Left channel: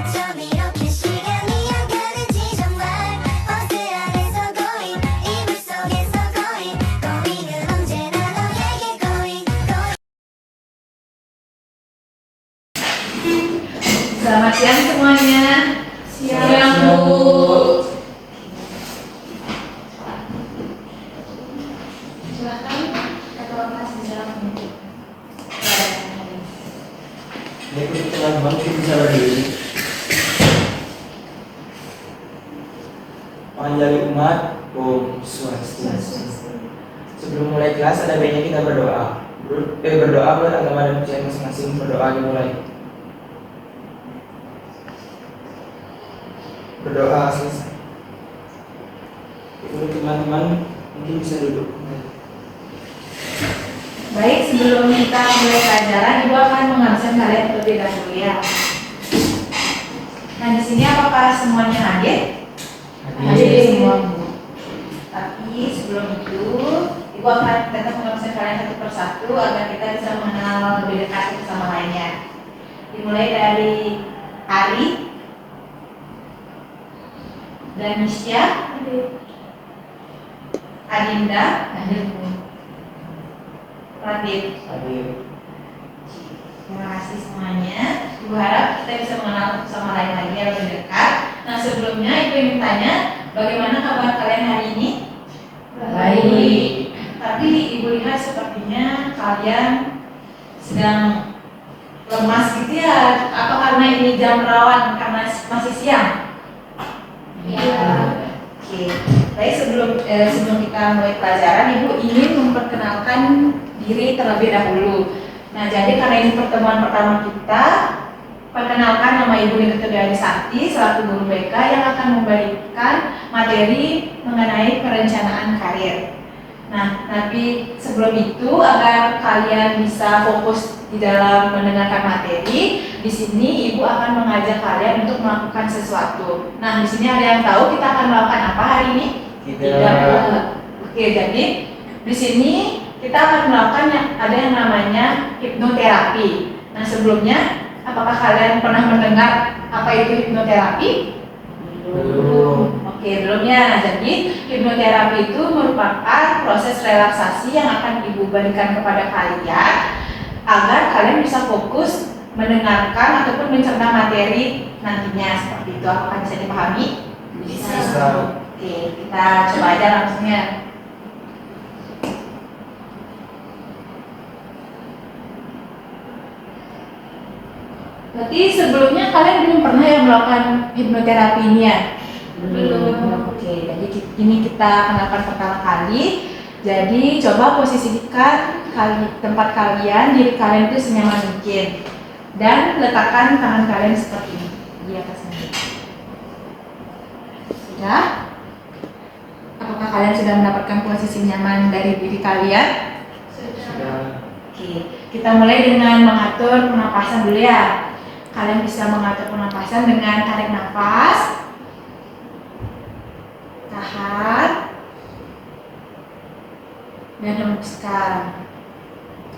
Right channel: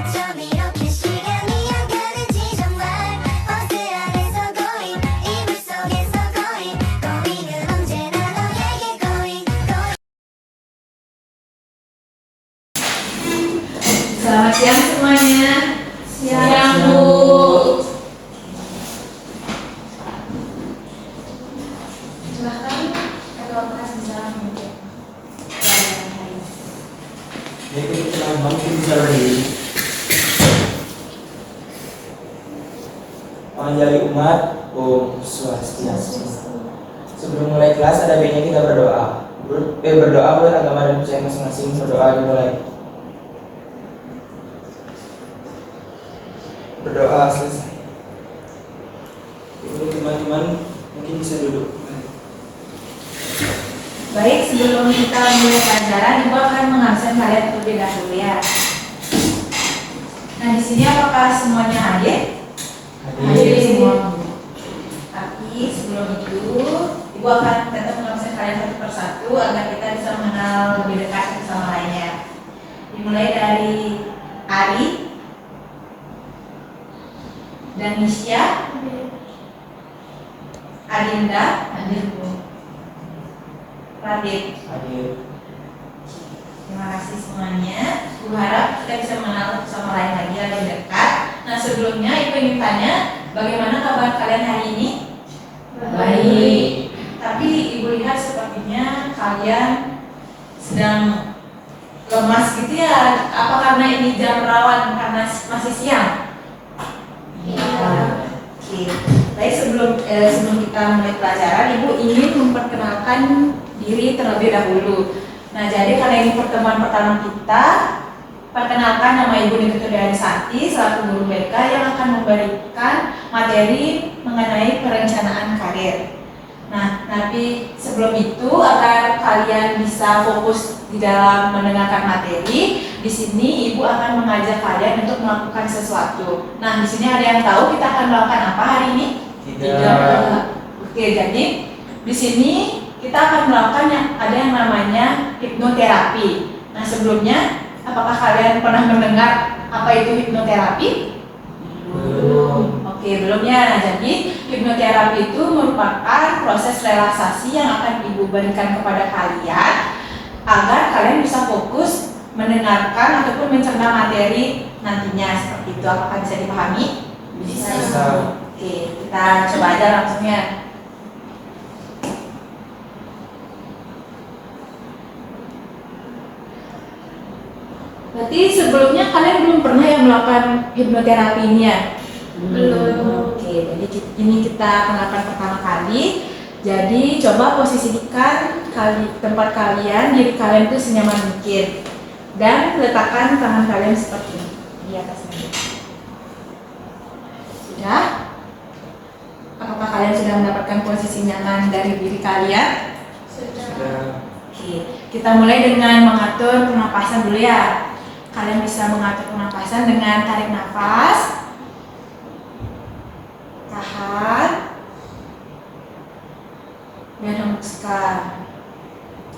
어쩜 이렇게 시간이 안 가는지 정말 버스 안에서 고인 이불 속에서 고인 고인은 언제나 너에게 고인 Selamat siang semuanya. Siang, Bu. Silahkan Ketua Kelas bicara untuk pelajaran hari ini. Baik, untuk teman-teman mungkin bicara diri. Panjali umat, Om Swastiastu. Sebelum mulai kelas ada baiknya kita berdoa. Berdoa menurut agama dan percaya masing-masing. Berdoa dimulai. Berdoa selesai. Untuk teman-teman mungkin bisa duduk. Baik, sebelum kita mulai pelajaran, Ibu akan mengabsen kalian terlebih dahulu ya. Nah, di sini apakah semuanya hadir? Hadir semua. Tapi sebelum itu, Ibu akan tetap mengabsen kalian satu persatu agar kita bisa mengenal lebih dekat satu sama lainnya. Dimulai dari Ari dan Nisya, Adinda, Radit. Hadir. Terima kasih semuanya. Ibu harap kita bisa mengenal satu sama lain lagi lebih dekat. Nah, sebelumnya Ibu ingin tanya, bagaimana kabar kalian hari ini? Baik. Tapi Ibu lihat sepertinya kalian sedang lemas gitu ya. Apa karena ini jam rawan karena masih siang? Iya. Oke. Baik, sebelum kita mulai pelajaran, Ibu ingin memperkenalkan diri terlebih dahulu. Nah, jadi karena ini pertemuan pertama kita, perkenalkan, nama Ibu Niketudiani Sakti selaku guru BK yang akan memberikan materi mengenai perencanaan karir. Nah, tapi sebelum itu agar kalian bisa fokus di dalam mendengarkan materi, di sini Ibu akan mengajak kalian untuk melakukan sesuatu. Nah, di sini ada yang tahu kita akan melakukan apa hari ini? Tidak. Oke, jadi di sini kita akan melakukan ada yang namanya hipnoterapi. Nah, sebelumnya apakah kalian pernah mendengar apa itu hipnoterapi? Belum. Oke, belumnya. Jadi hipnoterapi itu merupakan proses relaksasi yang akan Ibu berikan kepada kalian agar kalian bisa fokus mendengarkan ataupun mencerna materi nantinya. Seperti itu, apakah bisa dipahami? Bisa. Oke, kita coba aja langsungnya. Berarti sebelumnya kalian belum pernah yang melakukan hipnoterapi ini ya? Belum. Oke, jadi ini kita kenalkan pertama kali. Jadi coba posisikan tempat kalian, diri kalian itu senyaman mungkin, dan letakkan tangan kalian seperti ini di atas meja. Sudah? Apakah kalian sudah mendapatkan posisi nyaman dari diri kalian? Sudah. Oke, kita mulai dengan mengatur pernapasan dulu ya. Kalian bisa mengatur pernapasan dengan tarik nafas, tahan, dan hembuskan.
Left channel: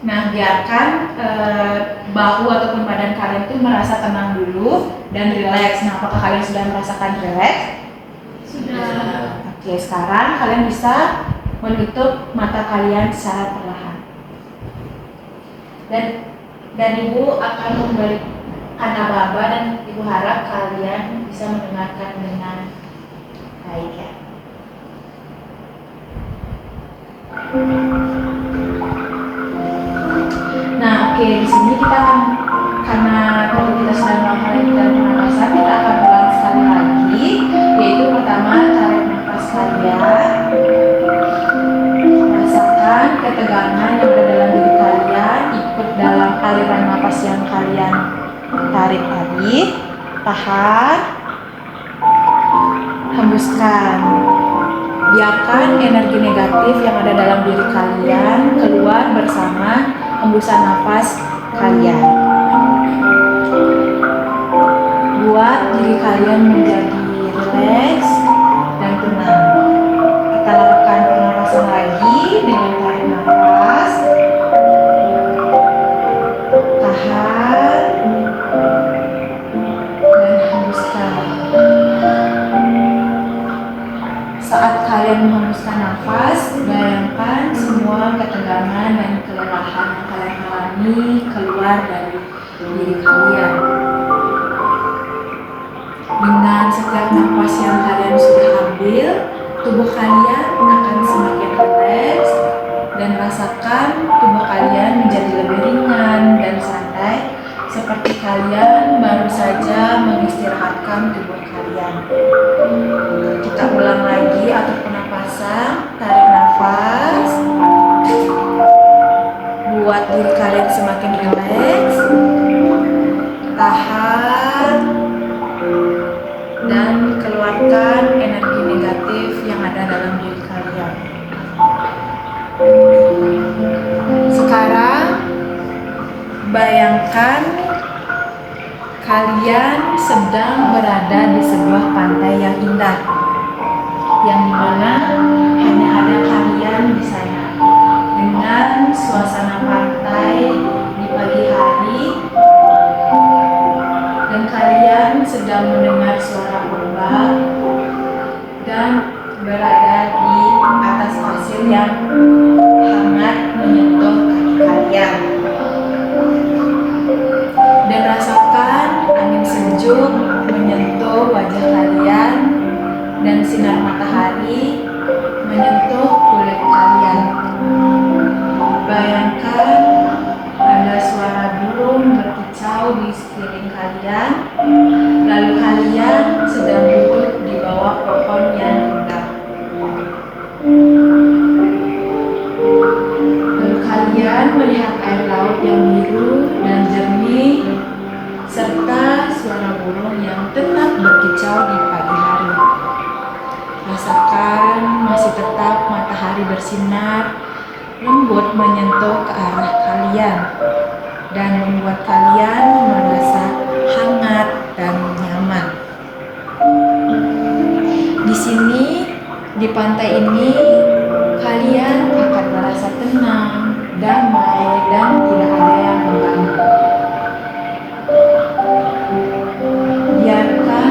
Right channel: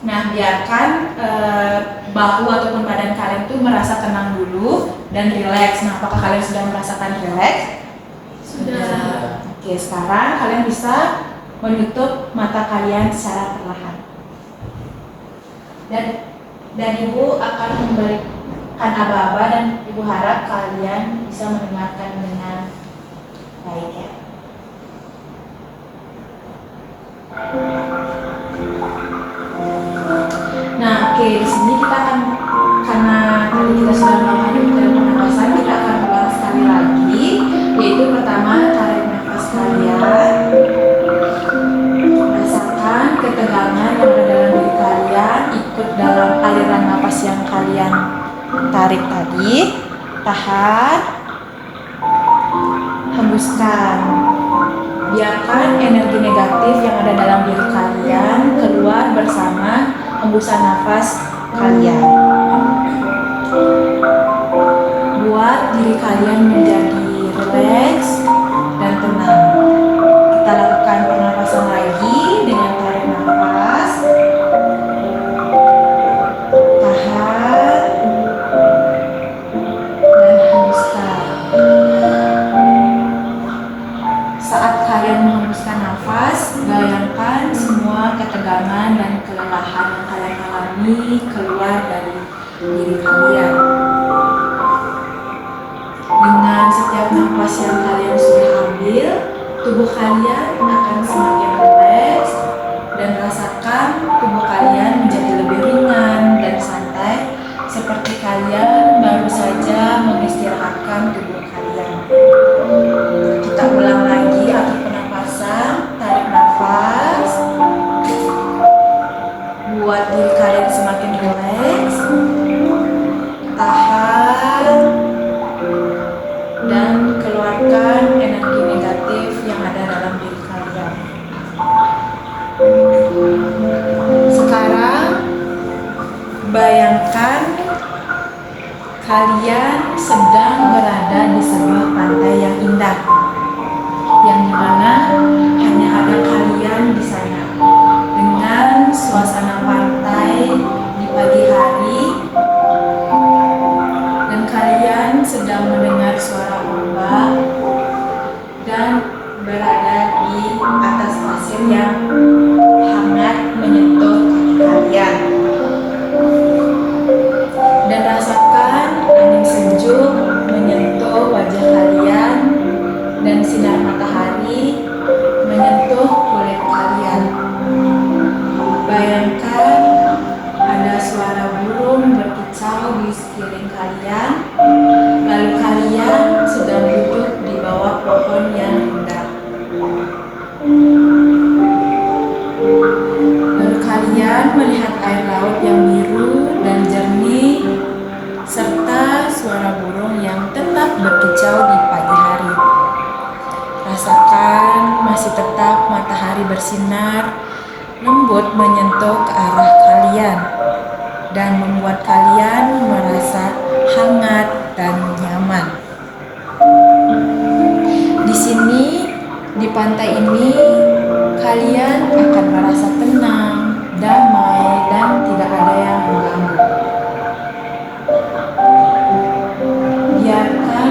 Nah, biarkan bahu ataupun badan kalian itu merasa tenang dulu dan rileks. Nah, apakah kalian sudah merasakan rileks? Sudah. Oke, sekarang kalian bisa menutup mata kalian secara perlahan. Dan Ibu akan memberikan aba-aba dan Ibu harap kalian bisa mendengarkan dengan baik ya. Nah, oke, di sini kita akan, karena tadi kita sudah melakukan pernapasan, kita akan ulang sekali lagi, yaitu pertama tarik nafas kalian, rasakan ketegangan yang ada dalam diri kalian, ikut dalam aliran nafas yang kalian tarik tadi, tahan, hembuskan. Biarkan energi negatif yang ada dalam diri kalian keluar bersama hembusan nafas kalian. Buat diri kalian menjadi rileks dan tenang. Kita lakukan pernapasan lagi dengan tarik nafas, tahan, dan sedang berada di sebuah pantai yang indah, yang dimana hanya ada kalian di sana, dengan suasana pantai di pagi hari, dan kalian sedang mendengar suara ombak dan berada di atas pasir yang hangat menyentuh kaki kalian. Dan rasakan angin sejuk menyentuh wajah kalian dan sinar matahari menyentuh kulit kalian. Bayangkan ada suara burung berkicau di sekeliling kalian, lalu kalian sedang duduk di bawah pohon yang indah. Lalu kalian melihat air laut yang biru dan jernih, serta suara burung yang tetap berkicau di pagi hari. Rasakan masih tetap matahari bersinar lembut menyentuh ke arah kalian dan membuat kalian merasa hangat dan nyaman. Di sini, di pantai ini, kalian akan merasa tenang, damai, dan tidak ada yang mengganggu. Biarkan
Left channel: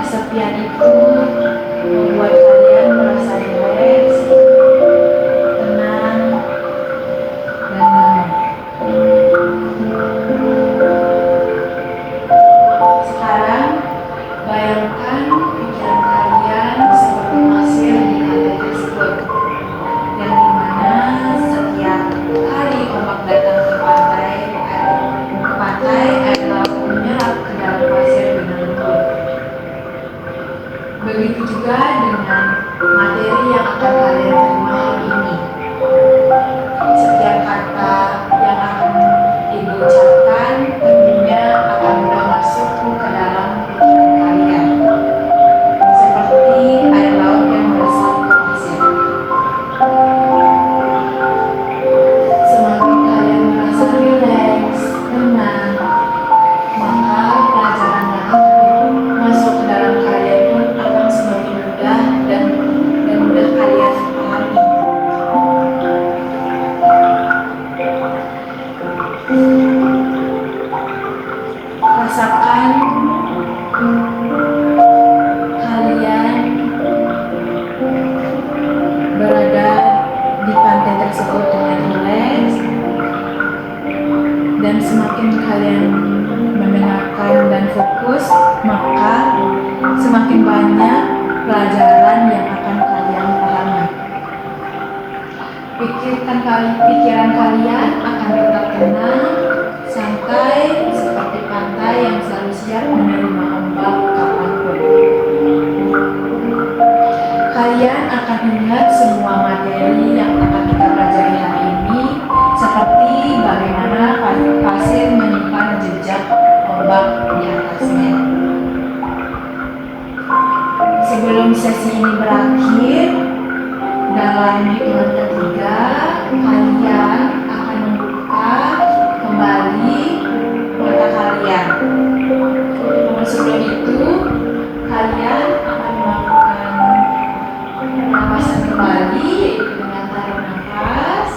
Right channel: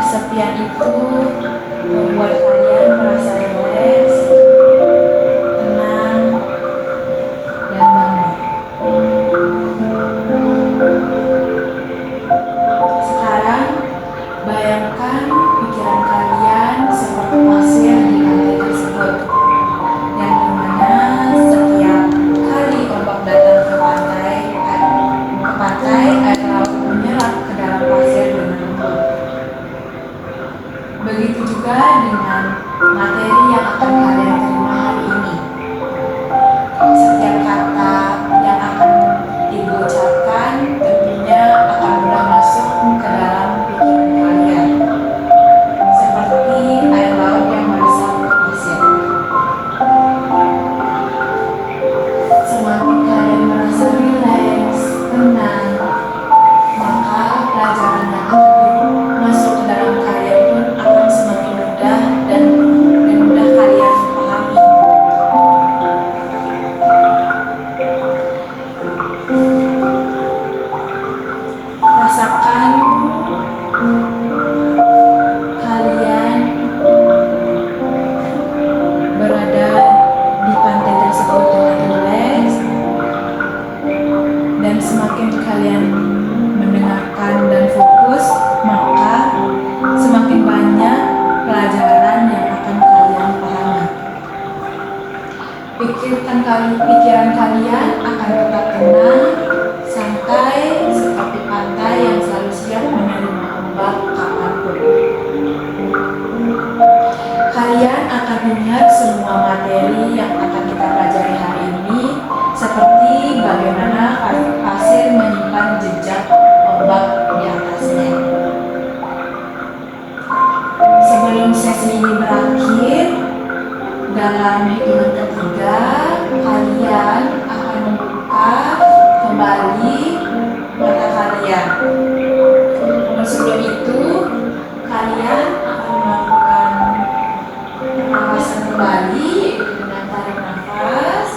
kesepian itu membuat kalian merasa rileks, tenang, dan damai. Sekarang, bayangkan pikiran kalian seperti pasir di pantai tersebut, yang dimana setiap kali ombak datang ke pantai, air laut menyerap ke dalam pasir dengan lembut. Begitu juga dengan materi yang akan kalian terima hari ini. Setiap kata yang akan ibu ucapkan tentunya akan mudah masuk ke dalam pikiran kalian, seperti air laut yang meresap ke pasir. Semakin kalian merasa rileks, tenang, maka pelajaran yang akan masuk ke dalam kalian pun akan semakin mudah dan mudah kalian pahami. Rasakan kalian berada di pantai tersebut dengan rileks, dan semakin kalian mendengarkan dan fokus, maka semakin banyak pelajaran yang akan kalian pahami. Pikiran kalian akan tetap tenang, santai, seperti pantai yang selalu siap menerima ombak kapanpun. Kalian akan ingat semua materi yang akan kita pelajari hari ini, seperti bagaimana pasir menyimpan jejak ombak di atasnya. Sebelum sesi ini berakhir, dalam hitungan ketiga, kalian akan membuka kembali mata kalian. Namun sebelum itu, kalian akan melakukan pernapasan kembali, yaitu dengan tarik nafas,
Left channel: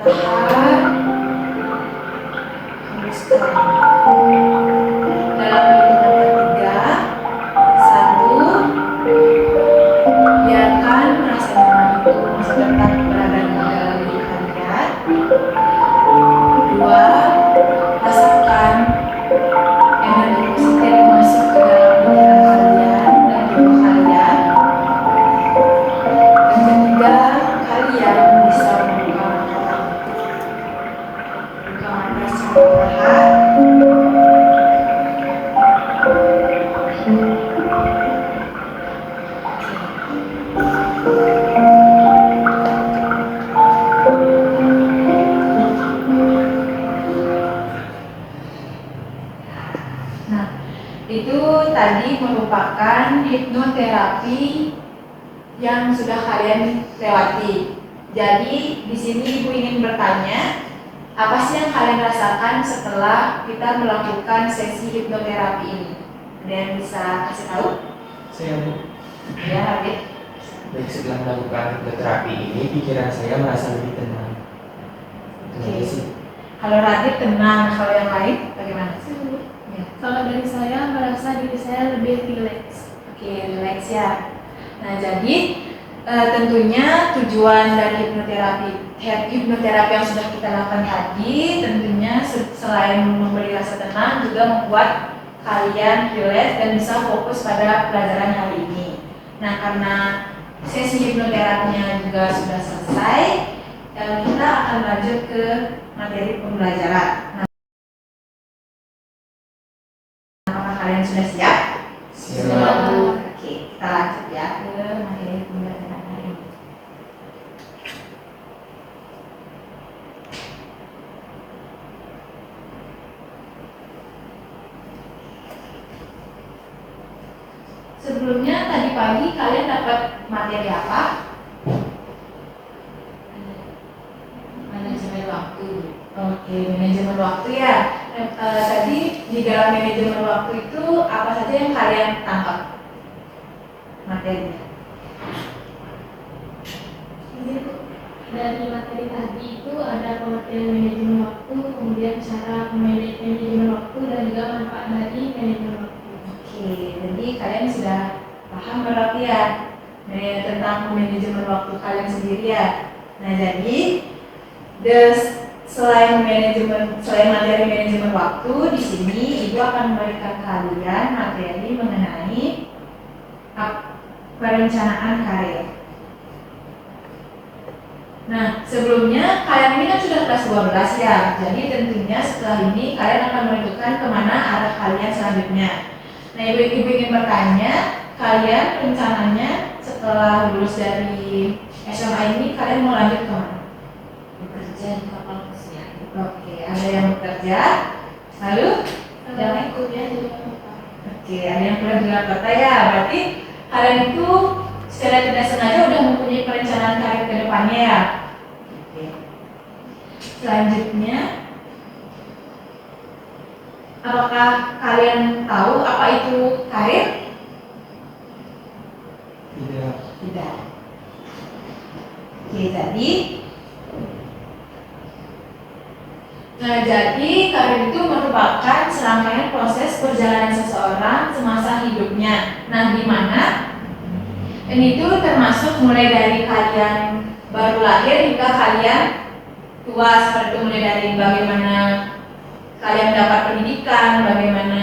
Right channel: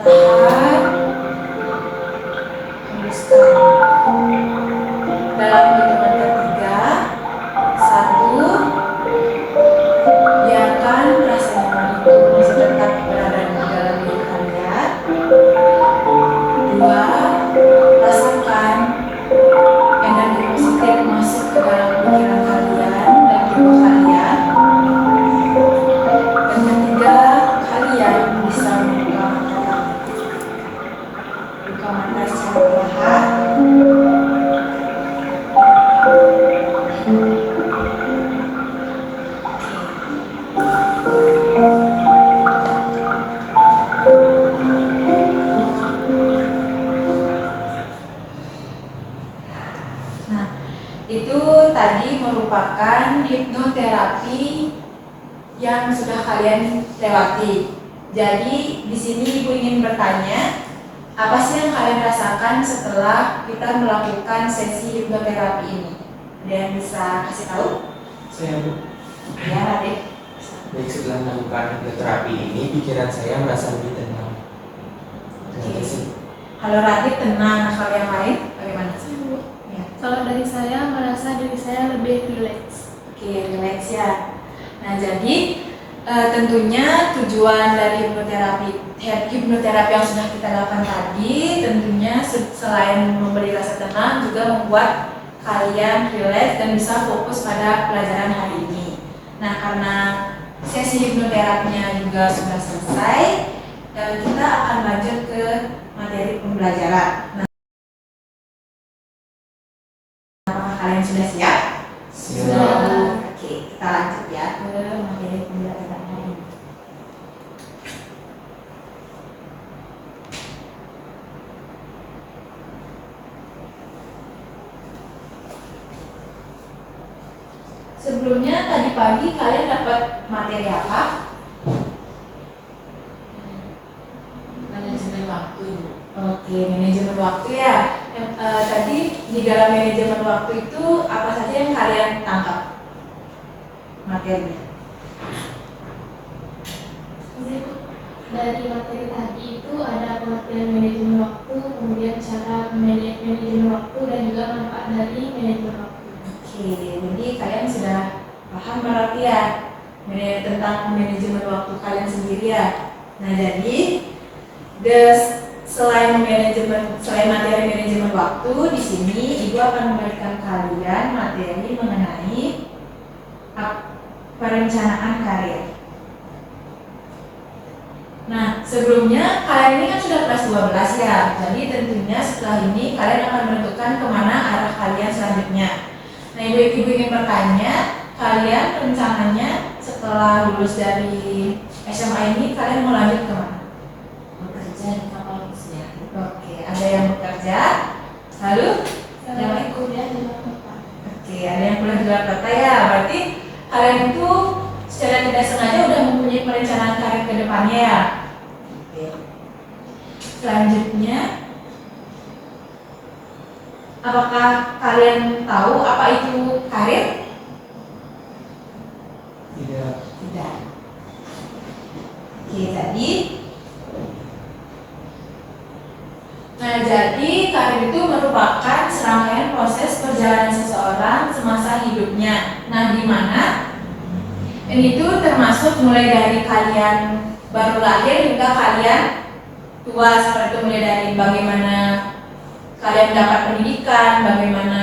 tahan, hembuskan. Dalam hitungan ketiga, 1, biarkan rasa nyaman itu masih tetap berada di dalam diri kalian. 2, rasakan energi positif masuk ke dalam pikiran kalian dan tubuh kalian. Dan ketiga, kalian bisa membuka mata. Buka mata secara perlahan. Nah, itu tadi merupakan hipnoterapi yang sudah kalian lewati. Jadi di sini Ibu ingin bertanya, Apa sih yang kalian rasakan setelah kita melakukan sesi hipnoterapi ini? Ada yang bisa kasih tahu? Saya Bu, Ya, Radit. baik setelah melakukan hipnoterapi ini, pikiran saya merasa lebih tenang. Itu aja sih. Kalau Radit tenang, kalau yang lain bagaimana? Ya. Kalau dari saya merasa diri saya lebih rileks. Oke, relax ya. Nah, jadi tentunya tujuan dari hipnoterapi yang sudah kita lakukan tadi tentunya selain memberi rasa tenang juga membuat kalian relax dan bisa fokus pada pelajaran hari ini. Nah, karena sesi hipnoterapinya juga sudah selesai, kita akan lanjut ke materi pembelajaran. Nah, apakah kalian sudah siap? Siap. Oke, kita lanjut ya ke materi pembelajaran hari ini. Sebelumnya tadi pagi kalian dapat materi apa? Manajemen waktu. Oke, manajemen waktu ya. Tadi di dalam manajemen waktu itu apa saja yang kalian tangkap materinya? Ini tuh dari materi tadi itu ada pengertian manajemen waktu, kemudian cara manajemen waktu dan juga manfaat dari manajemen waktu. Oke, jadi kalian sudah paham berarti ya tentang manajemen waktu kalian sendiri ya. Nah, jadi selain materi manajemen waktu, di sini Ibu akan memberikan kalian materi mengenai perencanaan karir. Nah, sebelumnya kalian ini kan sudah kelas 12 ya. Jadi tentunya setelah ini kalian akan menentukan kemana arah kalian selanjutnya. Nah, Ibu ingin bertanya, kalian rencananya setelah lulus dari SMA ini kalian mau lanjut kemana? Bekerja di kapal pesiar. Oke, ada yang bekerja, lalu yang lain? Kuliah di luar kota. Oke, ada yang kuliah di luar kota ya. Berarti kalian itu secara tidak sengaja udah mempunyai perencanaan karir ke depannya ya. Oke. Selanjutnya, apakah kalian tahu apa itu karir? Tidak. Tidak. Oke, jadi karir itu merupakan serangkaian proses perjalanan seseorang semasa hidupnya. Nah, di mana ini tuh termasuk mulai dari kalian baru lahir hingga kalian tua, seperti itu mulai dari bagaimana kalian mendapat pendidikan, bagaimana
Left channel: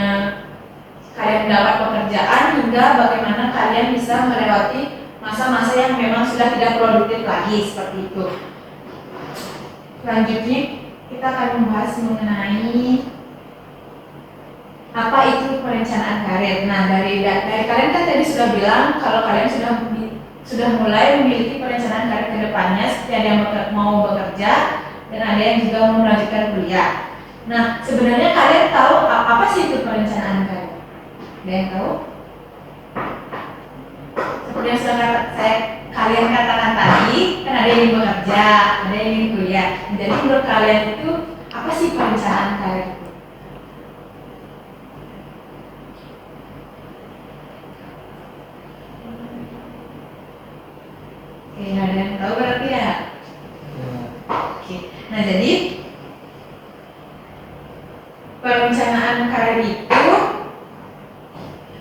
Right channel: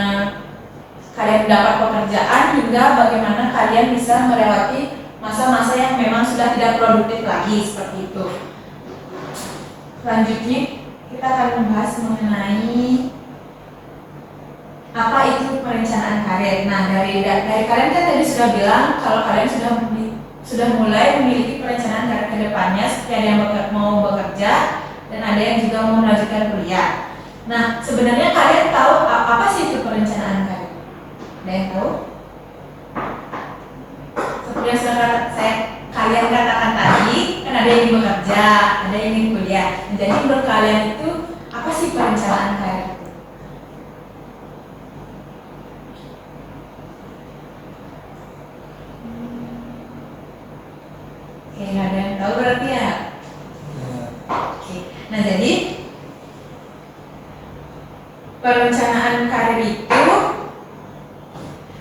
kalian mendapat pekerjaan, hingga bagaimana kalian bisa melewati masa-masa yang memang sudah tidak produktif lagi, seperti itu. Selanjutnya kita akan membahas mengenai apa itu perencanaan karir. Nah, dari kalian kan tadi sudah bilang kalau kalian sudah mulai memiliki perencanaan karir ke depannya, seperti ada yang mau bekerja dan ada yang juga mau melanjutkan kuliah. Nah, sebenarnya kalian tahu apa sih itu perencanaan karir? Ada yang tahu? Seperti yang sudah kalian katakan tadi, kan ada yang ingin bekerja, ada yang ingin kuliah. Jadi menurut kalian itu apa sih perencanaan karir itu? Oke, nggak ada yang tahu berarti ya? Ya. Oke, nah jadi perencanaan karir itu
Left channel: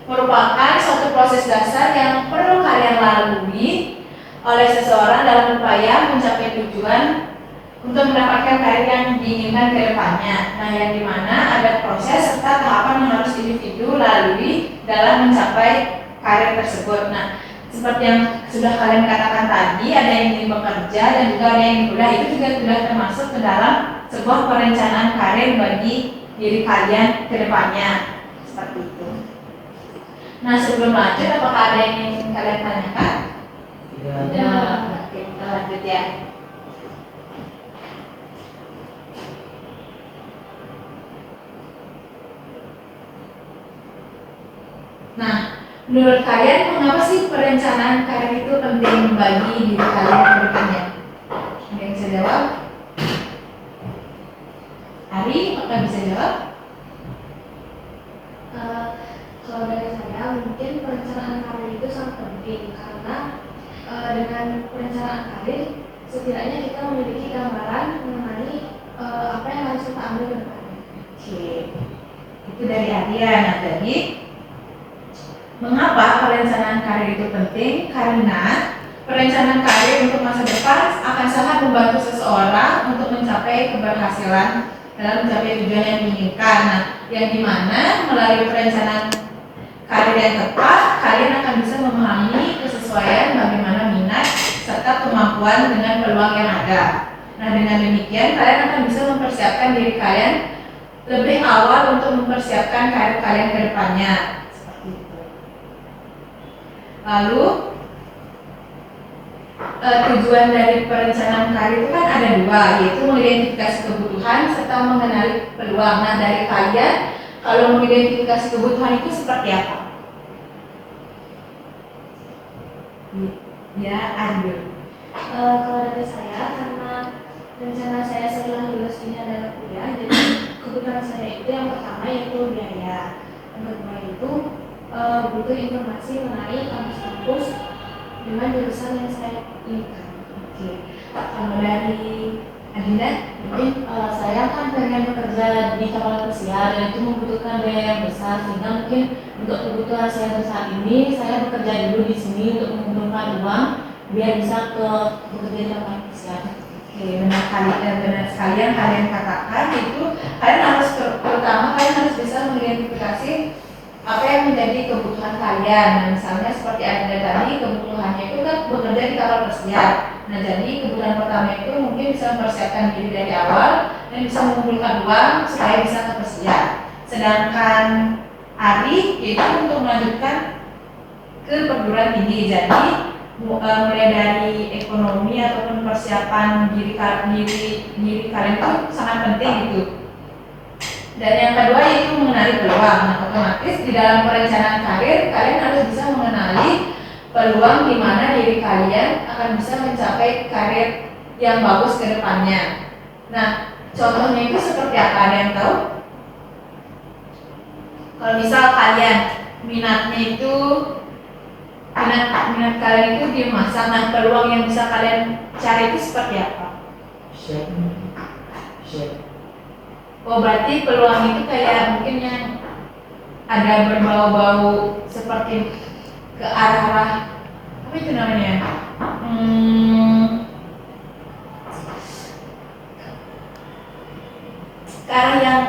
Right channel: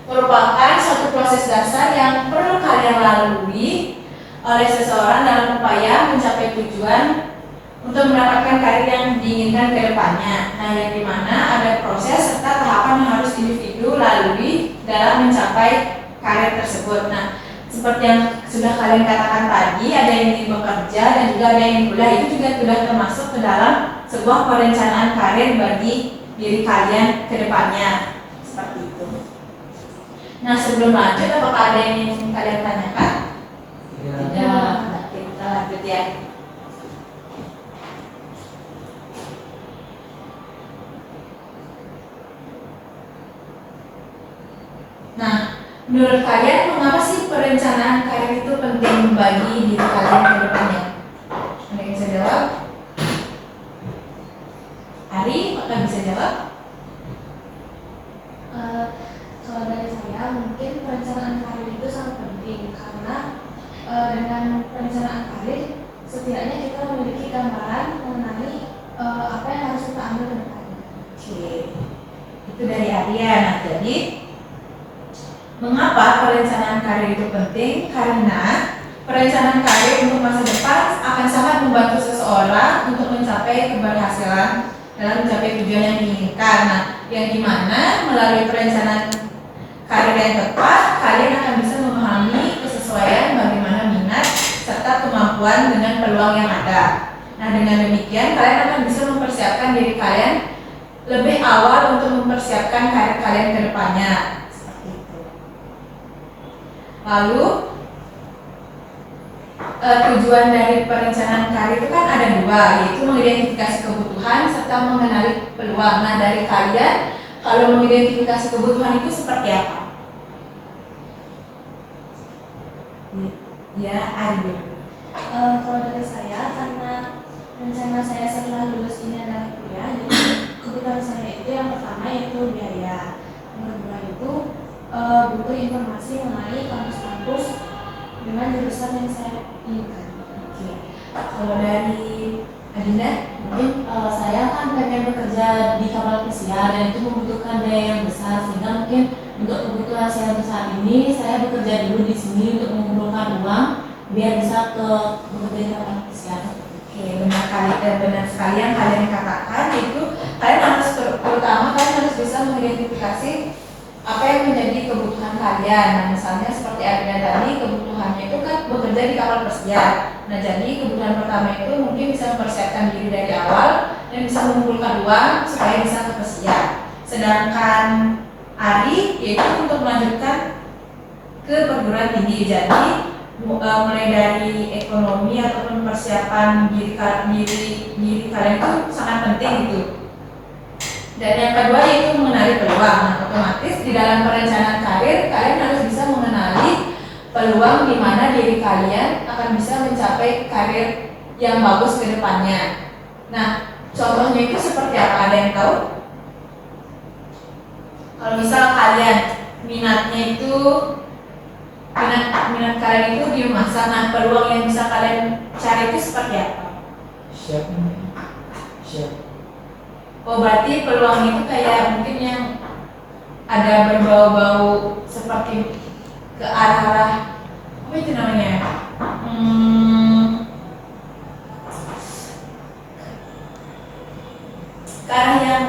merupakan suatu proses dasar yang perlu kalian lalui oleh seseorang dalam upaya mencapai tujuan untuk mendapatkan karir yang diinginkan ke depannya. Nah, yang dimana ada proses serta tahapan yang harus individu lalui dalam mencapai karir tersebut. Nah, seperti yang sudah kalian katakan tadi, ada yang ingin bekerja dan juga ada yang ingin kuliah, itu juga sudah termasuk ke dalam sebuah perencanaan karir bagi diri kalian ke depannya. Seperti itu. Nah, sebelum lanjut, apakah ada yang ingin kalian tanyakan? Tidak. Ya. Oke, kita lanjut ya. Nah, menurut kalian mengapa sih perencanaan karir itu penting bagi diri kalian ke depannya? Ada yang bisa jawab? dengan perencanaan karir, setidaknya kita memiliki gambaran mengenai apa yang harus kita ambil ke depannya. Oke, itu dari Arya. Nah, jadi mengapa perencanaan karir itu penting? Karena perencanaan karir untuk masa depan akan sangat membantu seseorang untuk mencapai keberhasilan dalam mencapai tujuan yang diinginkan. Nah, yang dimana melalui perencanaan karir yang tepat, kalian akan bisa memahami kesesuaian bagaimana minat serta kemampuan dengan peluang yang ada. Nah, dengan demikian kalian akan bisa mempersiapkan diri kalian lebih awal untuk mempersiapkan karir kalian ke depannya. Seperti itu. Lalu tujuan dari perencanaan karir itu kan ada dua, yaitu mengidentifikasi kebutuhan serta mengenali peluang. Nah, dari kalian kalau mengidentifikasi kebutuhan itu seperti apa? Ya, Adil. Kalau dari saya, karena rencana saya setelah lulus ini adalah kuliah, jadi kebutuhan saya itu yang pertama yaitu biaya, yang kedua itu butuh informasi mengenai kampus-kampus dengan jurusan yang saya inginkan. Oke. Kalau dari Adinda, Mungkin saya kan pengen bekerja di kapal pesiar dan itu membutuhkan biaya yang besar, sehingga mungkin untuk kebutuhan saya untuk saat ini saya bekerja dulu di sini untuk mengumpulkan uang biar bisa bekerja di kapal pesiar. oke, benar sekali yang kalian katakan itu. Kalian harus terutama kalian harus bisa mengidentifikasi apa yang menjadi kebutuhan kalian. Nah, misalnya seperti Adinda tadi, kebutuhannya itu kan bekerja di kapal pesiar. Nah, jadi kebutuhan pertama itu mungkin bisa mempersiapkan diri dari awal dan bisa mengumpulkan uang supaya bisa ke pesiar. Sedangkan Ari yaitu untuk melanjutkan ke perguruan tinggi. Jadi mulai dari ekonomi ataupun persiapan diri kalian itu sangat penting gitu. Dan yang kedua yaitu mengenali peluang. Nah, otomatis di dalam perencanaan karir kalian harus bisa mengenali peluang di mana diri kalian akan bisa mencapai karir yang bagus ke depannya. Nah, contohnya itu seperti apa? Ada yang tahu? Kalau misal kalian minat kalian itu di memasak, nah peluang yang bisa kalian cari itu seperti apa? Chef. Oh, berarti peluang itu kayak mungkin yang ada berbau-bau seperti ke arah apa itu namanya? Ke arah yang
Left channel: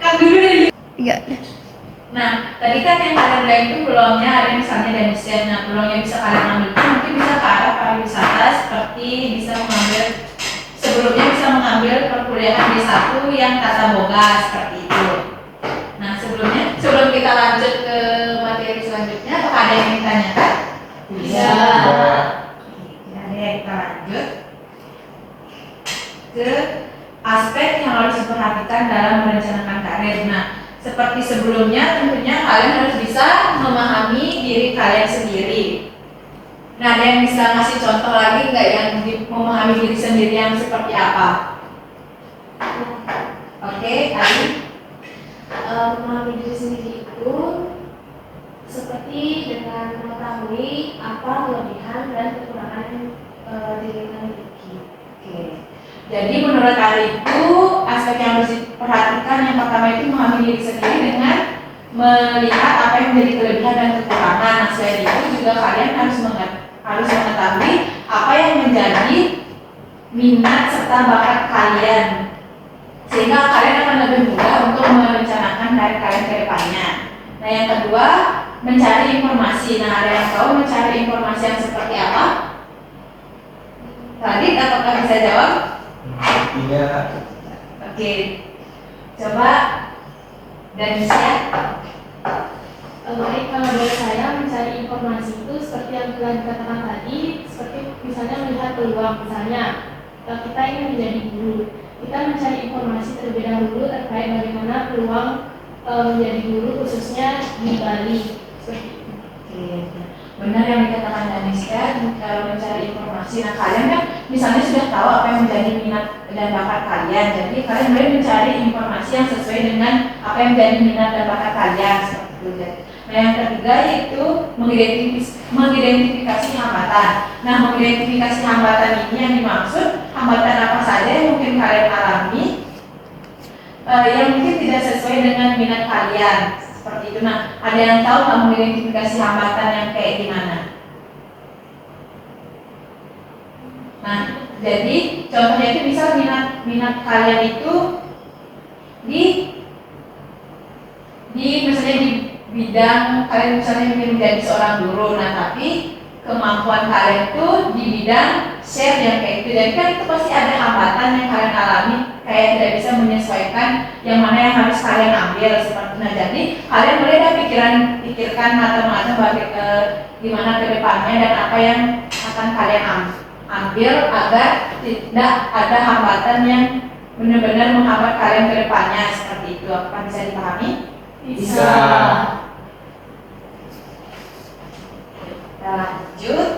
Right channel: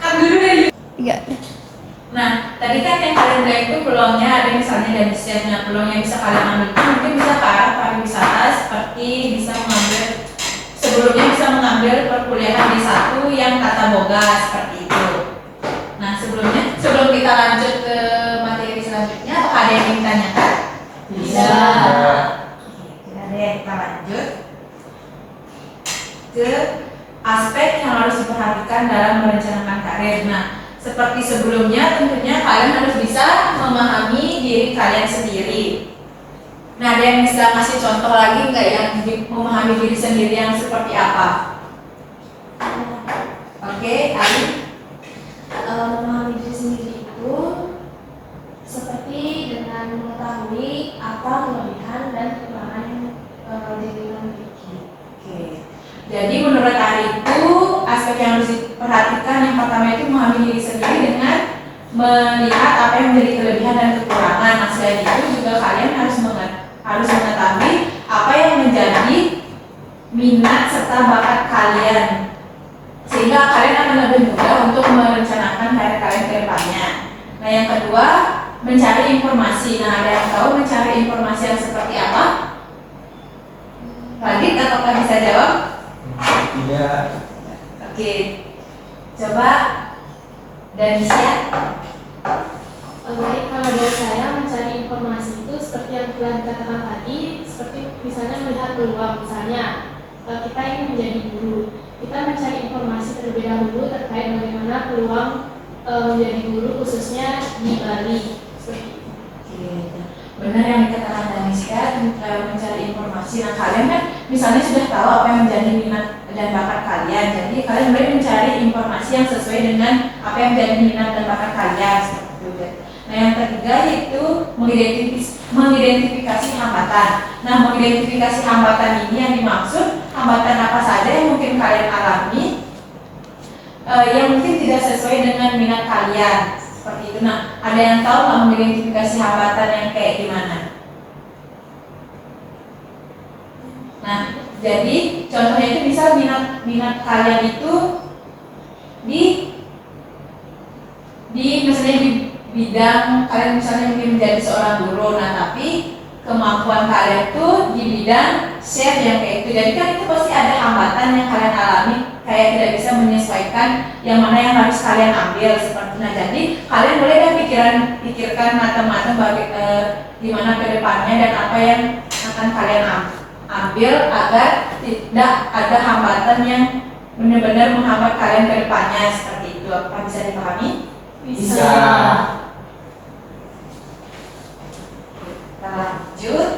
kan dulu deh. Iya. Nah, tadi kan yang kalian bilang itu peluangnya ada misalnya dari chefnya, peluang yang bisa kalian ambil itu mungkin bisa ke arah pariwisata, seperti bisa mengambil perkuliahan D1 yang tata boga seperti itu. Nah, sebelum kita lanjut ke materi selanjutnya, apakah ada yang ingin ditanyakan? Bisa. Oke, ada yang kita lanjut ke aspek yang harus diperhatikan dalam merencanakan karir. Nah, seperti sebelumnya, tentunya kalian harus bisa memahami diri kalian sendiri. Nah, ada yang bisa ngasih contoh lagi nggak yang memahami diri sendiri yang seperti apa? Oke, Ali. Memahami diri sendiri itu seperti dengan mengetahui apa kelebihan dan kekurangan diri kita miliki. Oke. Jadi menurut Ali itu aspek yang harus diperhatikan yang pertama itu memahami diri sendiri dengan melihat apa yang menjadi kelebihan dan kekurangan. Nah, selain itu juga kalian harus mengetahui apa yang menjadi minat serta bakat kalian, sehingga kalian akan lebih mudah untuk merencanakan karir kalian ke depannya. Nah, yang kedua mencari informasi. Nah, ada yang tahu mencari informasi yang seperti apa? Radit, apakah bisa jawab? Iya. Oke, coba dan bisa. Baik, kalau dari saya mencari informasi itu seperti yang telah dikatakan tadi, seperti misalnya melihat peluang. Misalnya kita ingin menjadi guru, kita mencari informasi terlebih dahulu terkait bagaimana peluang menjadi guru khususnya di Bali. Seperti itu. Oke, benar yang dikatakan Daniska, mencari informasi. Nah, kalian kan misalnya sudah tahu apa yang menjadi minat dan bakat kalian, jadi kalian boleh mencari informasi yang sesuai dengan apa yang menjadi minat dan bakat kalian seperti itu. Nah, yang ketiga yaitu mengidentifikasi hambatan. Nah, mengidentifikasi hambatan ini yang dimaksud hambatan apa saja yang mungkin kalian alami, yang mungkin tidak sesuai dengan minat kalian seperti itu. Nah, ada yang tahu nggak mengidentifikasi hambatan yang kayak gimana? Nah, jadi contohnya itu misal minat kalian itu di misalnya di bidang kalian misalnya ingin menjadi seorang guru, nah tapi kemampuan kalian tuh di bidang chef yang kayak itu, jadi kan itu pasti ada hambatan yang kalian alami, kayak tidak bisa menyesuaikan yang mana yang harus kalian ambil seperti itu. Nah, jadi kalian boleh dah pikirkan matang-matang gimana ke depannya dan apa yang akan kalian ambil agar tidak ada hambatan yang benar-benar menghambat kalian ke depannya seperti itu. Apakah bisa dipahami? Bisa. Kita lanjut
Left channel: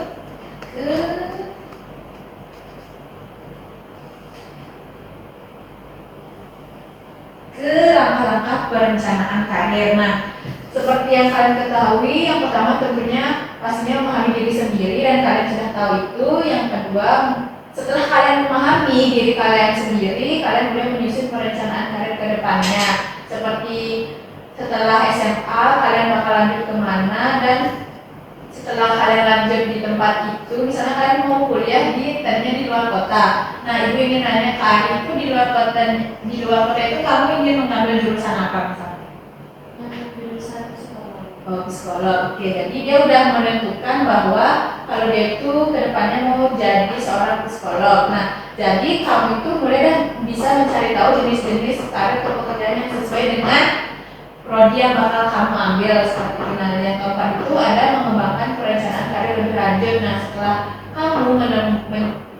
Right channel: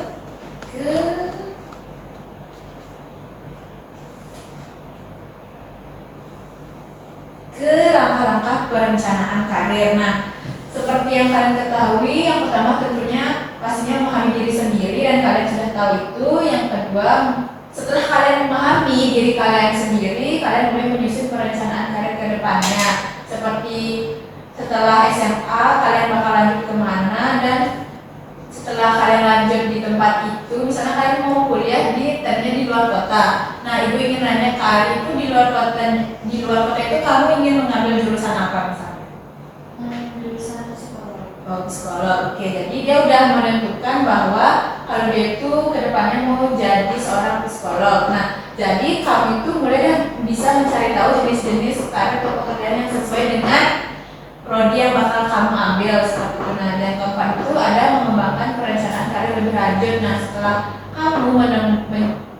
ke langkah-langkah perencanaan karir. Nah, seperti yang kalian ketahui, yang pertama tentunya pastinya memahami diri sendiri dan kalian sudah tahu itu. Yang kedua, setelah kalian memahami diri kalian sendiri, kalian mulai menyusun perencanaan karir ke depannya. Seperti setelah SMA kalian bakal lanjut kemana, dan setelah kalian lanjut di tempat itu, misalnya kalian mau kuliah tadinya di luar kota. Nah, ibu ingin nanya, kalian itu di luar kota itu kamu ingin mengambil jurusan apa misalnya? Jurusan psikolog. Oh, psikolog. Oke, jadi dia udah menentukan bahwa kalau dia itu kedepannya mau jadi seorang psikolog. Nah, jadi kamu itu mulai bisa mencari tahu jenis-jenis karir atau pekerjaan yang sesuai dengan prodi yang bakal kamu ambil seperti itu. Nah, yang keempat itu ada mengembangkan perencanaan karir lebih lanjut. Nah, setelah kamu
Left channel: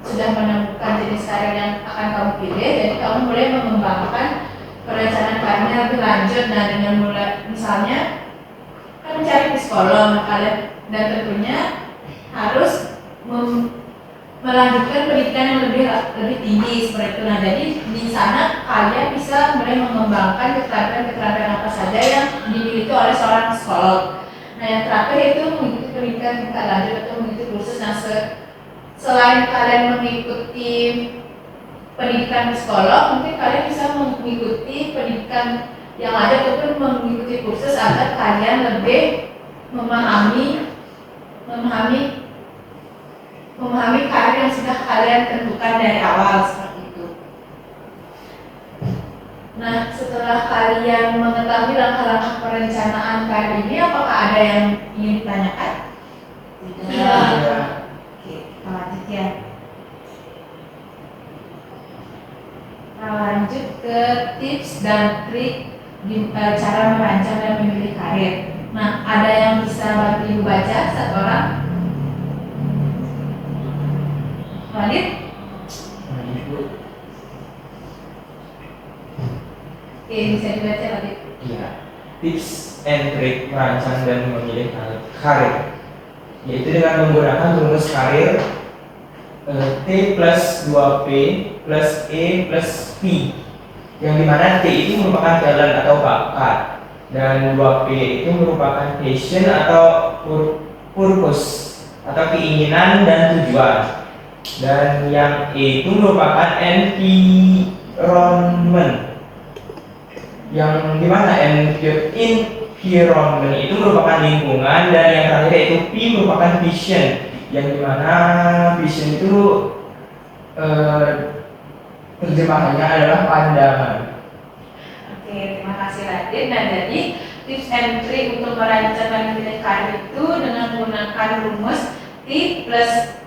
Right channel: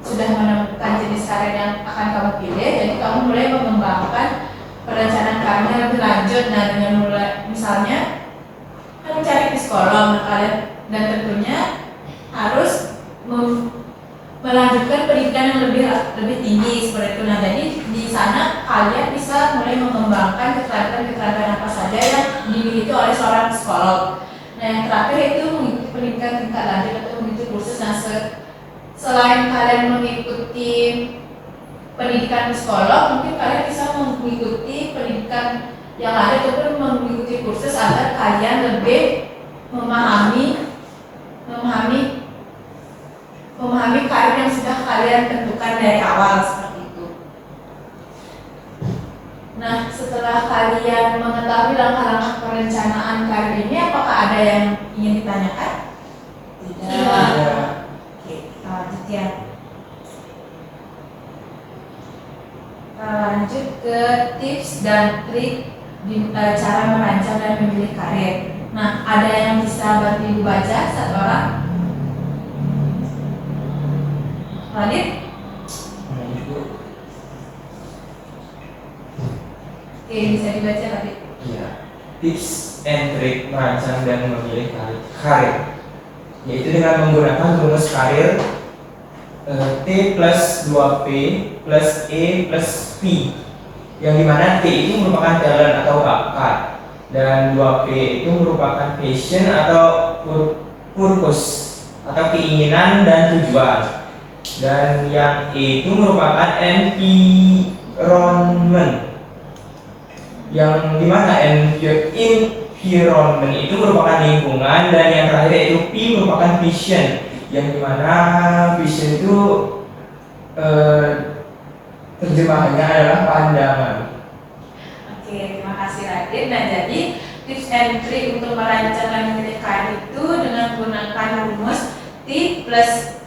sudah menemukan jenis karir yang akan kamu pilih, jadi kamu mulai mengembangkan perencanaan karirnya lebih lanjut. Nah, dengan mulai misalnya kan mencari psikolog, kalian dan tentunya harus melanjutkan pendidikan yang lebih tinggi seperti itu. Nah, jadi di sana kalian bisa mulai mengembangkan keterampilan apa saja yang dimiliki oleh seorang psikolog. Nah, yang terakhir itu mengikuti pendidikan tingkat lanjut atau mengikuti kursus. Nah, selain kalian mengikuti pendidikan psikolog, mungkin kalian bisa mengikuti pendidikan yang lanjut ataupun mengikuti kursus agar kalian lebih memahami karir yang sudah kalian tentukan dari awal seperti itu. Nah, setelah kalian mengetahui langkah-langkah perencanaan karir ini, apakah ada yang ingin ditanyakan? Tidak. Oke, kita lanjut ya. Kita lanjut ke tips dan trik cara merancang dan memilih karir. Nah, ada yang bisa bantu ibu baca satu orang? Radit? Oke, bisa dibaca Radit. Iya. Tips and trick merancang dan memilih karir, yaitu dengan menggunakan rumus karir T plus 2P plus E plus P, yang dimana T itu merupakan talent atau bakat dan 2P itu merupakan passion atau purpose atau keinginan dan tujuan, dan yang E itu merupakan environment, yang dimana environment itu merupakan lingkungan, dan yang terakhir yaitu P merupakan vision, yang dimana vision itu terjemahannya adalah pandangan. Oke, terima kasih Radit. Nah, jadi tips and trick untuk merancang dan memilih karir itu dengan menggunakan rumus T plus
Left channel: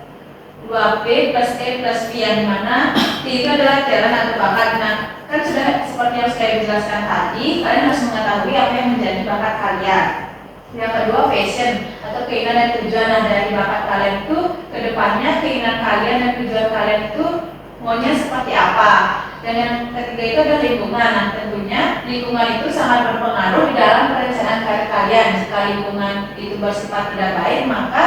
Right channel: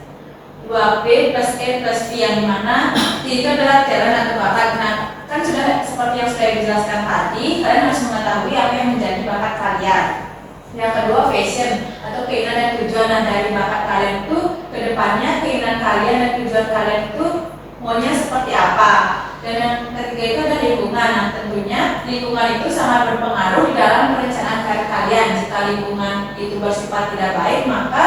2P plus E plus P, yang dimana T itu adalah talent atau bakat. Nah, kan sudah seperti yang sudah dijelaskan tadi, kalian harus mengetahui apa yang menjadi bakat kalian. Yang kedua, passion atau keinginan dan tujuan. Nah, dari bakat kalian itu kedepannya keinginan kalian dan tujuan kalian itu maunya seperti apa. Dan yang ketiga itu ada lingkungan. Nah, tentunya lingkungan itu sangat berpengaruh di dalam perencanaan karir kalian. Jika lingkungan itu bersifat tidak baik, maka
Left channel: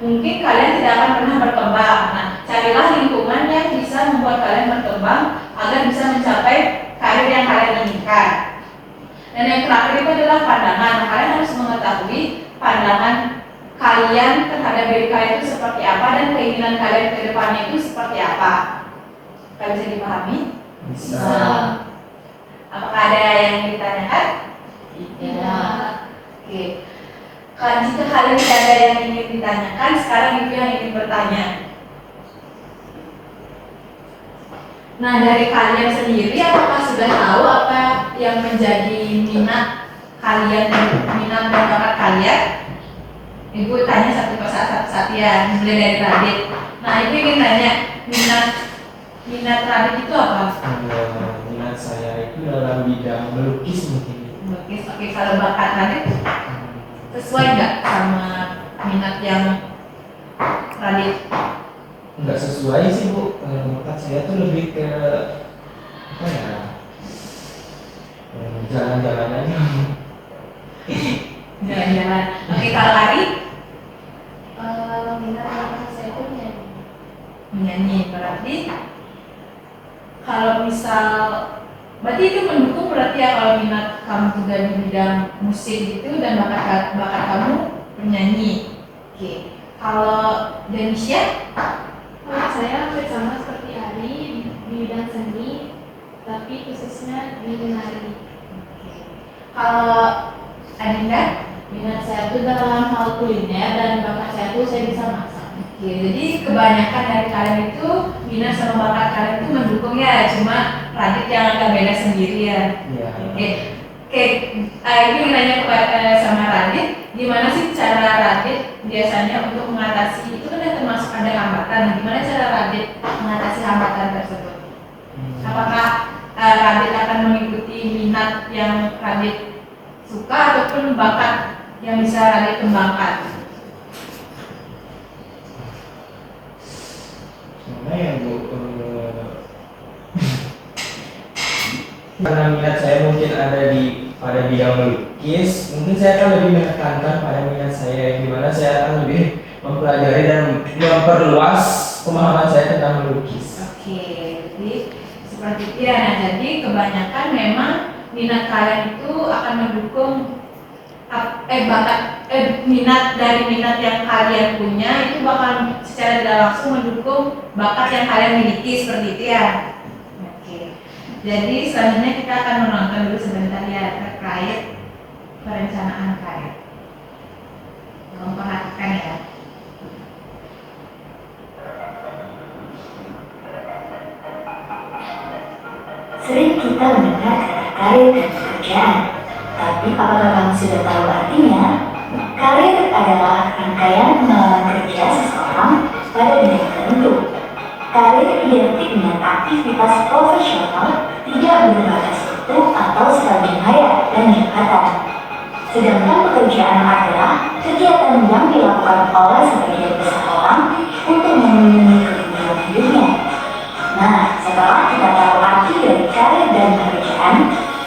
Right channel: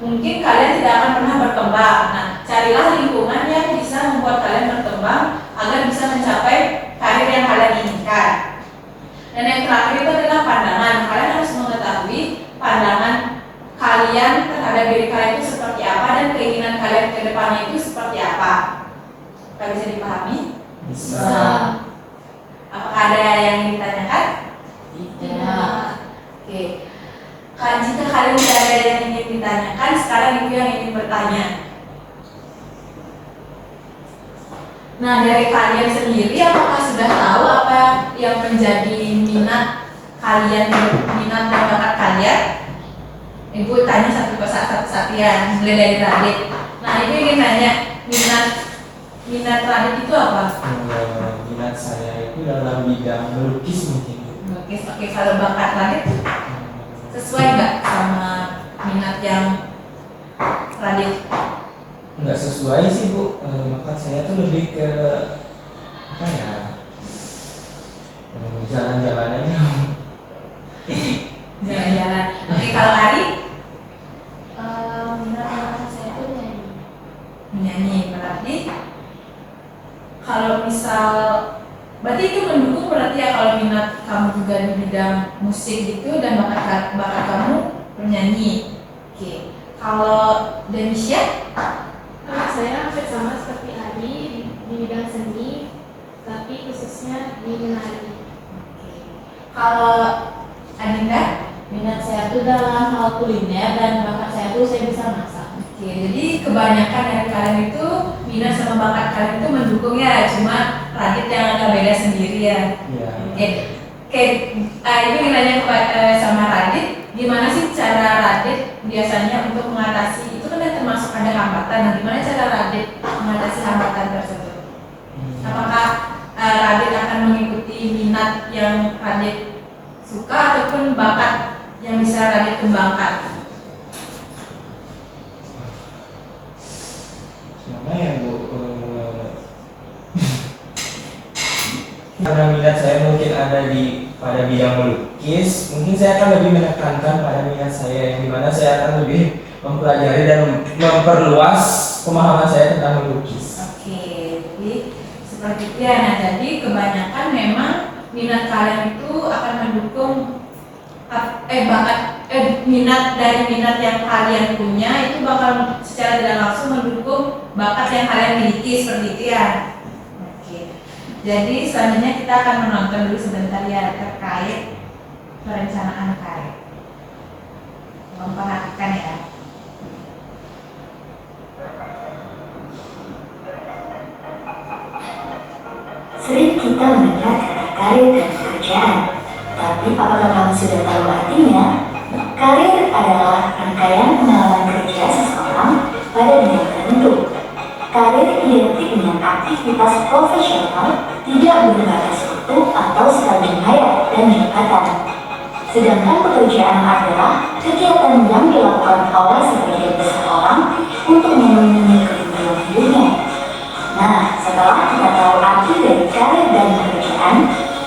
mungkin kalian tidak akan pernah berkembang. Nah, carilah lingkungan yang bisa membuat kalian berkembang agar bisa mencapai karir yang kalian inginkan. Dan yang terakhir itu adalah pandangan. Kalian harus mengetahui pandangan kalian terhadap diri kalian itu seperti apa dan keinginan kalian ke depannya itu seperti apa. Kalian bisa dipahami? Bisa. Apakah ada yang ditanyakan? Tidak. Oke. Jika kalian tidak ada yang ingin ditanyakan, sekarang itu yang ingin bertanya. Nah, dari kalian sendiri, apakah sudah tahu apa yang menjadi minat kalian, minat dan bakat kalian? Ibu tanya satu persatu ya, mulai dari Radit. Nah, ibu ingin nanya, minat Radit itu apa? Minat saya itu dalam bidang melukis mungkin. Melukis. Oke, kalau bakat Radit sesuai nggak sama minat yang Radit? Nggak sesuai sih Bu, bakat saya tuh lebih ke apa ya, jalan-jalan aja. Jalan-jalan. Oke, kalau Ari Minat bakat saya itu nyanyi. menyanyi, berarti kalau misal berarti itu mendukung berarti ya kalau minat kamu juga di bidang musik gitu dan bakat kamu penyanyi. Oke, kalau Denisha? Saya hampir sama seperti Ari di bidang seni, tapi khususnya di menari. Oke. Kalau Adinda? Minat saya itu dalam hal kuliner dan bakat saya itu saya bisa masak. Oke, jadi kebanyakan dari kalian itu minat sama bakat kalian itu mendukung ya, cuma Radit yang agak beda sendiri ya. Iya. Oke, ini nanya sama Radit, gimana sih cara Radit biasanya untuk mengatasi itu kan termasuk ada hambatan. Nah, gimana cara Radit mengatasi hambatan tersebut? Apakah Radit akan mengikuti minat yang Radit suka ataupun bakat yang bisa Radit kembangkan? Gimana ya Bu? Karena minat saya mungkin ada pada bidang melukis, mungkin saya akan lebih menekankan pada minat saya yang dimana saya akan lebih mempelajari dan memperluas pemahaman saya tentang melukis. Oke, jadi seperti itu ya. Nah, jadi kebanyakan memang minat kalian itu akan mendukung minat dari minat yang kalian punya itu bakal secara tidak langsung mendukung bakat yang kalian miliki seperti itu ya. Oke. Jadi selanjutnya kita akan menonton dulu sebentar ya terkait perencanaan karir. Tolong perhatikan ya. Sering kita mendengar kata karir dan pekerjaan, tapi apakah kamu sudah tahu artinya? Karir adalah rangkaian pengalaman kerja seseorang pada bidang tertentu. Karir identik dengan aktivitas profesional, tidak berbatas waktu atau stadium hayat dan jabatan. Sedangkan pekerjaan adalah kegiatan yang dilakukan oleh sebagian besar orang untuk memenuhi kebutuhan hidupnya. Nah, setelah kita tahu arti dari karir dan pekerjaan,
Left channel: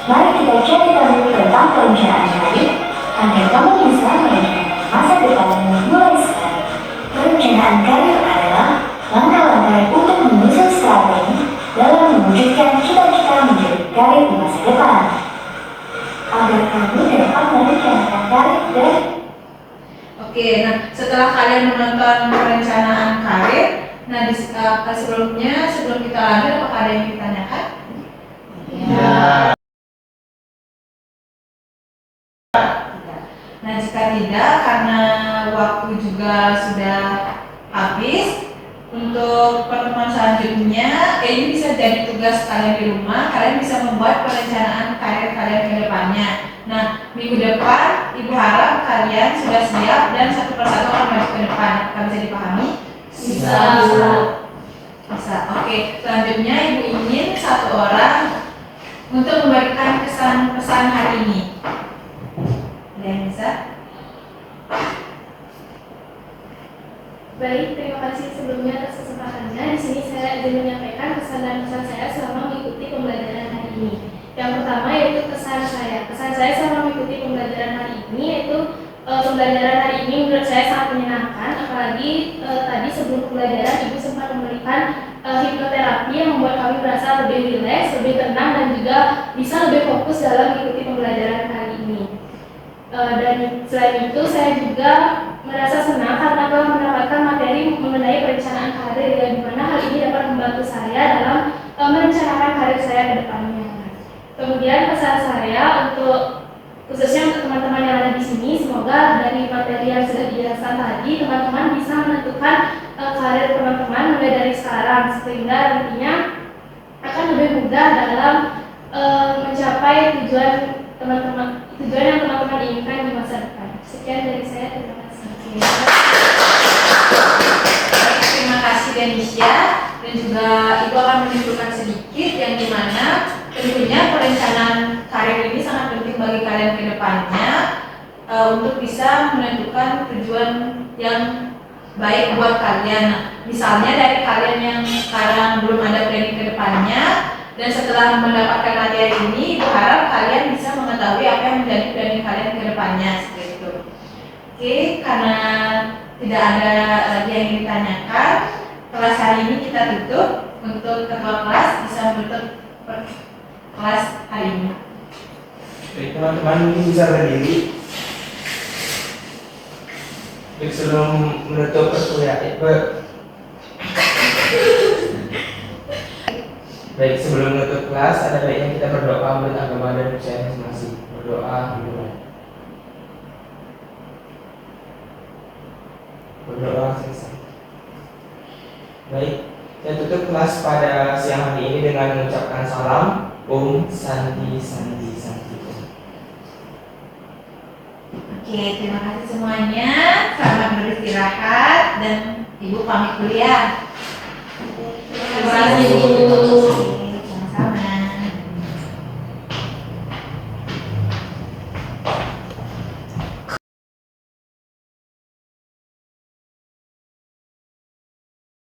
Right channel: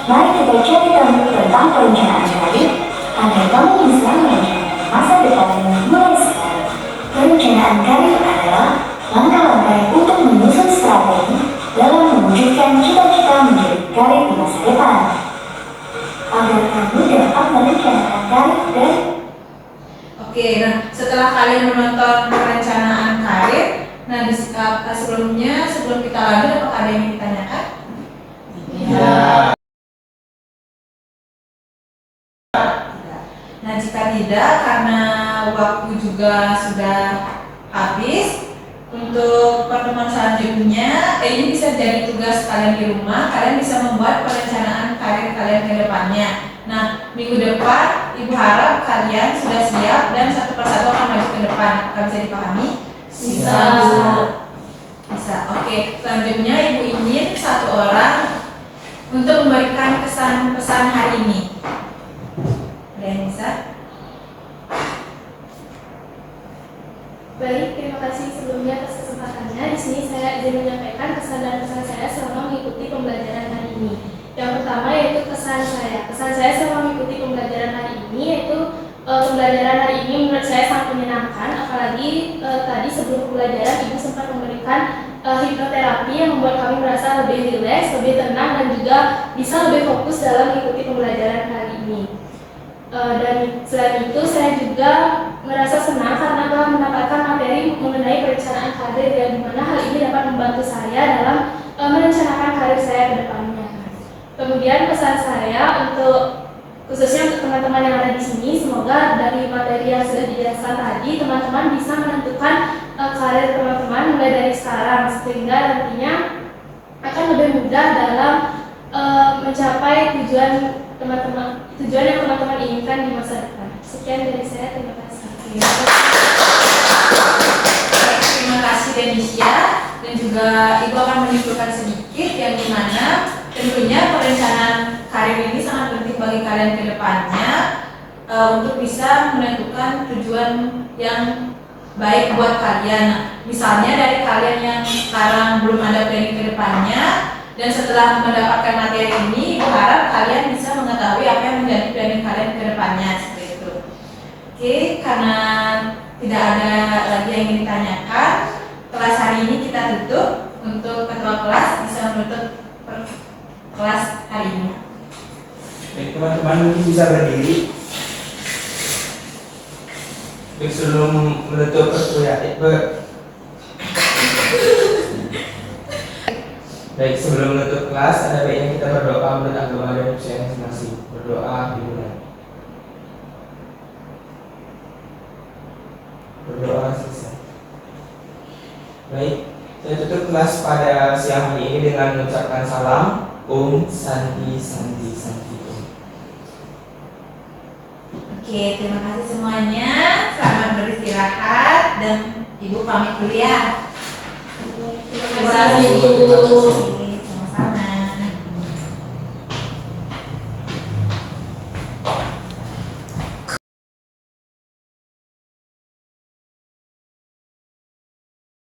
mari kita cari tahu tentang perencanaan karir agar kamu bisa merencanakan masa depanmu mulai sekarang. Perencanaan karir adalah langkah-langkah untuk menyusun strategi dalam mewujudkan cita-cita menjadi karir di masa depan. Agar kamu dapat merencanakan karir dan Oke, nah setelah kalian menonton perencanaan karir, nah sebelum kita lanjut apakah ada yang ditanyakan? Ya. Nah jika tidak, karena waktu juga sudah habis, untuk pertemuan selanjutnya, ini bisa jadi tugas kalian di rumah. Kalian bisa membuat perencanaan karir kalian ke depannya. Nah, minggu depan, Ibu harap kalian sudah siap dan satu persatu akan maju ke depan. Apakah bisa dipahami? Bisa. Bisa. Oke, selanjutnya Ibu ingin satu orang untuk memberikan kesan pesan hari ini. Ada yang bisa? Baik, terima kasih sebelumnya atas kesempatannya. Di sini saya izin menyampaikan kesan dan pesan saya selama mengikuti pembelajaran hari ini. Yang pertama yaitu kesan saya. Kesan saya selama mengikuti pembelajaran hari ini yaitu pembelajaran hari ini menurut saya sangat menyenangkan, apalagi tadi sebelum pembelajaran Ibu sempat memberikan hipnoterapi yang membuat kami merasa lebih rileks, lebih tenang, dan juga bisa lebih fokus dalam mengikuti pembelajaran kali ini. Dan selain itu saya juga merasa senang karena telah mendapatkan materi mengenai perencanaan karir, yang dimana hal ini dapat membantu saya dalam merencanakan karir saya ke depannya. Kemudian pesan saya untuk khususnya untuk teman-teman yang ada di sini, semoga dari materi yang sudah dijelaskan tadi, teman-teman bisa menentukan karir teman-teman mulai dari sekarang, sehingga nantinya akan lebih mudah dalam mencapai tujuan yang teman-teman inginkan di masa depan. Sekian dari saya, terima kasih. Terima kasih Denisha, dan juga Ibu akan menyimpulkan sedikit yang dimana tentunya perencanaan karir ini sangat penting bagi kalian ke depannya untuk bisa menentukan tujuan yang baik buat kalian. Nah, misalnya dari kalian yang sekarang belum ada planning ke depannya, dan setelah mendapatkan materi ini, berharap kalian bisa mengetahui apa yang menjadi planning kalian ke depannya, seperti itu. Oke, karena tidak ada lagi yang ingin ditanyakan, kelas hari ini kita tutup. Untuk ketua kelas bisa menutup kelas hari ini. Baik, teman-teman ini bisa berdiri. Baik, sebelum menutup perkuliahan, baik, sebelum menutup kelas, ada baiknya kita berdoa buat agama dan usia masing-masing. Berdoa dimulai. Berdoa selesai. Baik, saya tutup kelas pada siang hari ini dengan mengucapkan salam. Om Santi Santi Santi Om. Oke, terima kasih semuanya. Selamat beristirahat dan Ibu pamit kuliah. Terima kasih, Bu.